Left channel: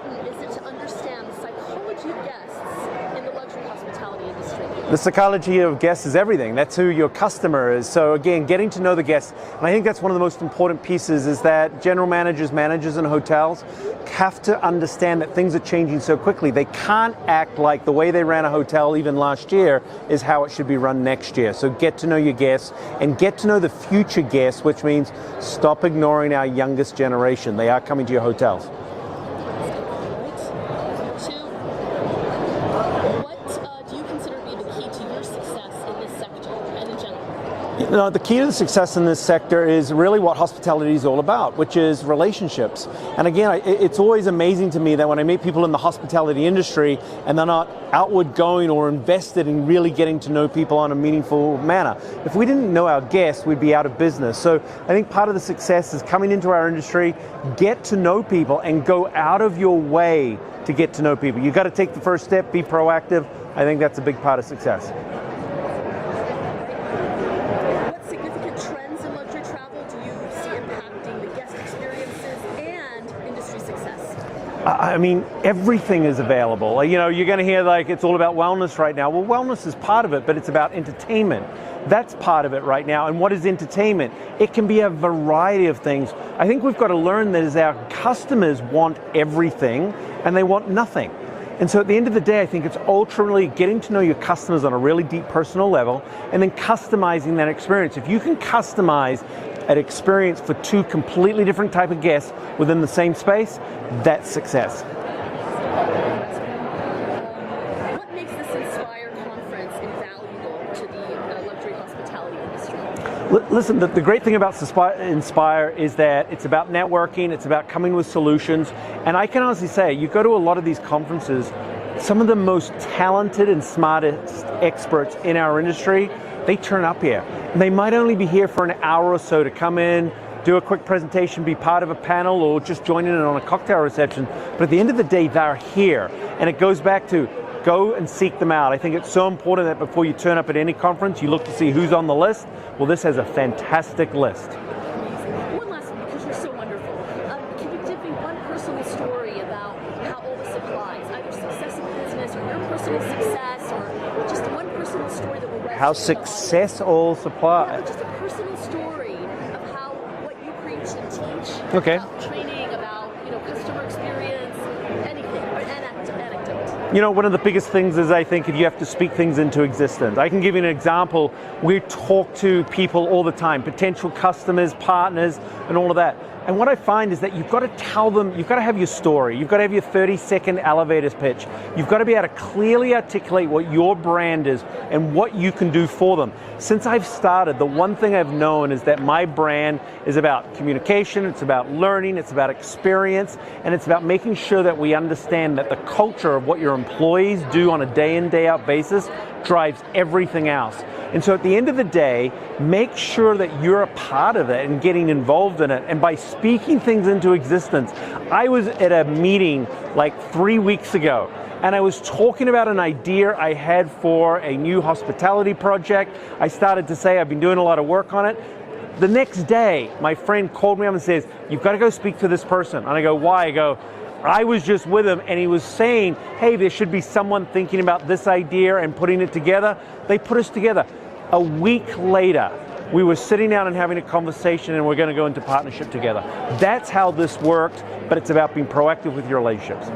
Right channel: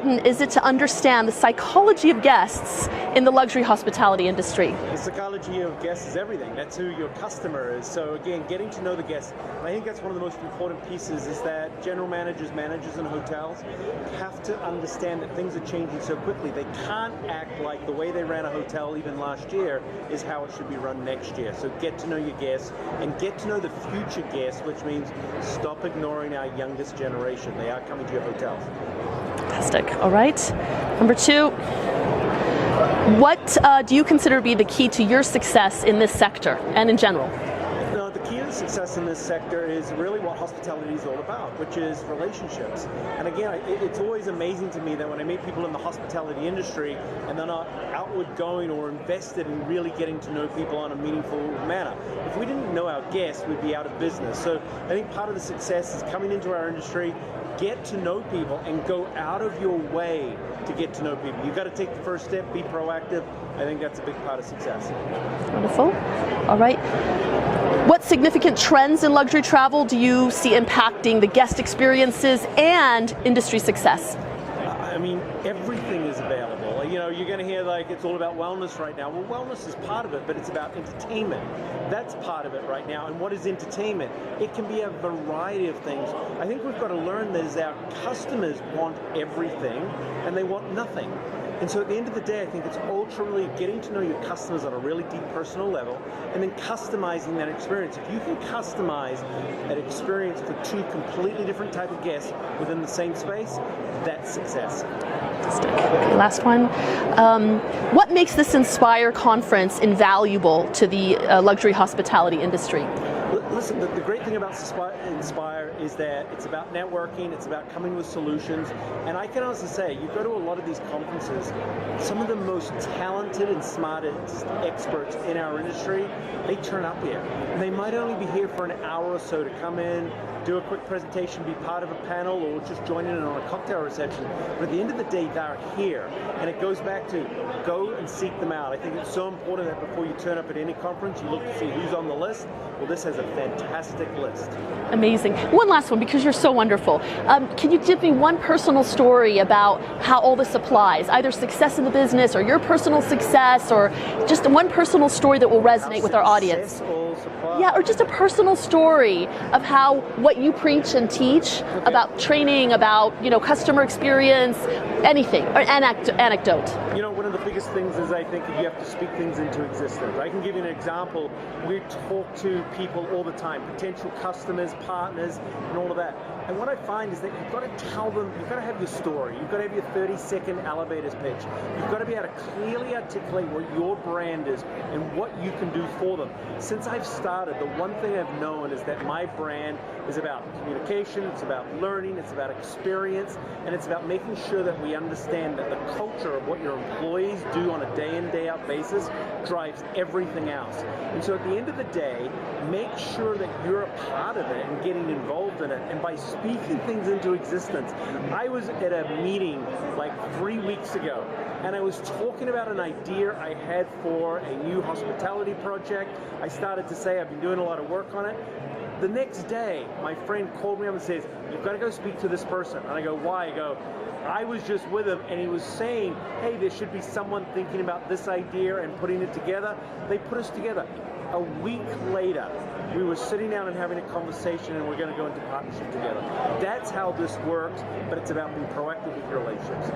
important is it to understand the psychology of guests in the luxury hospitality industry? The psychology of guests is everything. That's who your customer is. So again, getting to know the guests. And I think that's one of the most important pieces, is that general managers, managers in hotels have to understand that things are changing so quickly. They can't act like the way they ran a hotel even last year is how it should be run next year. So get to know your guests and get to know the future guests, which means stop ignoring our youngest generation. They are coming to your hotels. Fantastic. All right. Number 2, what do you consider to be the key to your success in this sector and in general? You know, the key to the success in this sector is really what hospitality is all about, which is relationships. And again, it's always amazing to me that when I meet people in the hospitality industry and they're not outward going or invested in really getting to know people in a meaningful manner. If we didn't know our guests, we'd be out of business. So I think part of the success is coming into our industry, get to know people and go out of your way to get to know people. You've got to take the first step, be proactive. I think that's a big part of success. Wonderful. All right. What significant trends in luxury travel do you see impacting the guest experiences and industry success? I mean, everything is available. You know, you're going to hear like it's all about wellness right now. Well, wellness is part of it, but it's about entertainment. That's part of it right now. And what is entertainment? It can be a variety of things. I think we've got to learn that as our customers want everything and they want nothing. And so at the end of the day, I think it's ultimately getting to know your customers on a really deep personal level and then customizing that experience. If you can customize an experience for 2 completely different type of guests within the same space, that's success. Okay, last one. What makes this Inspire conference invaluable to the luxury hospitality industry? Listen, the great thing about Inspire is that it's about networking, it's about coming with solutions, and I can honestly say, you go to a lot of these conferences, some of the most talented and smartest experts in our industry, they turn up here. They might only be here for an hour or so to come in, do a quick presentation, be part of a panel, or just join in on a cocktail reception. But at the end of the day, they're here. And it goes back to go and seek them out. I think it's so important that before you turn up at any conference, you look to see who's on the list. Well, this has a fantastic list. Amazing. One last one, because you're so wonderful. Can you give me one personal story about how all this applies? Either success in the business or your personal success, or just one personal story that will resonate with our audience. How success all applies. Yeah, or just a personal story of how what you preach and teach about training, about customer experience, anything, or anecdote. You know, one of the biggest things is I think if you have to speak things into existence. I can give you an example. We talk to people all the time, potential customers, partners, and all of that. And what I find is that you've got to tell them, you've got to have your story, you've got to have your 30-second elevator pitch, you've got to be able to clearly articulate what your brand is and what you can do for them. Since I've started, the one thing I've known is that my brand is about communication, it's about learning, it's about experience, and it's about making sure that we understand that the culture of what your employees do on a day in, day out basis drives everything else. And so at the end of the day, make sure that you're a part of it and getting involved in it. And by speaking things into existence, I was at a meeting like 3 weeks ago, and I was talking about an idea I had for a new hospitality project. I started to say I've been doing a lot of work on it. The next day, my friend called me up and says, "You've got to go speak to this person." And I go, "Why?" I go, I was just with him and he was saying, hey, there should be someone thinking about this idea and putting it together. They put us together. A week later, we were sitting down and having a conversation and we're going to go into partnership together. That's how this works, but it's about being proactive with your relationships.